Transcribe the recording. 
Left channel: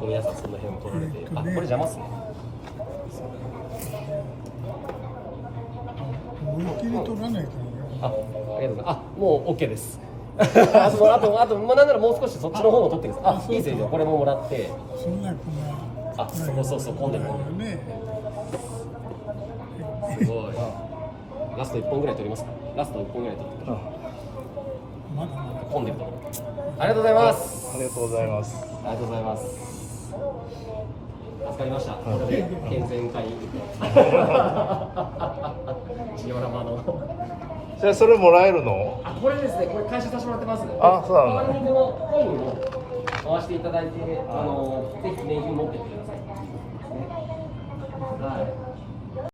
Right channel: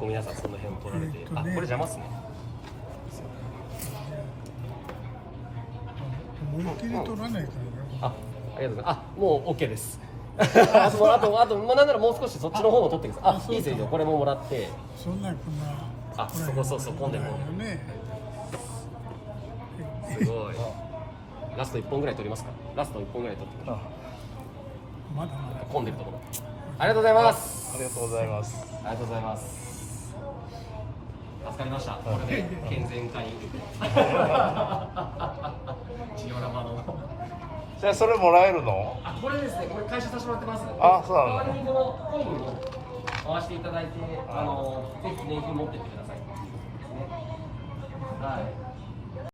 皆さんその辺取られて、あ、これ邪魔っすね。思いっきり取らないからね。あ、ありがとうございます。あ、もう OK です。あと、もうなんならもう少しそっちの方も取ってください。あ、いいですよ、これももらって。そんなこんな。あ、そう、混んでる。ね。すごい。ラスト1本ぐらい取りますか。ラスト1本ぐらい取ってください。まだまだ混んでるところ。ありがとうございます。ありがとうございます。ありがとうございます。助かりました。これで健全会。ジオラマの。じゃあそれもらえるの？あ、これですね。これ回収させてもらってます。あ、そうなの。代わりにこの本を回していただいて、ぜひ記念品持ってってください。はい。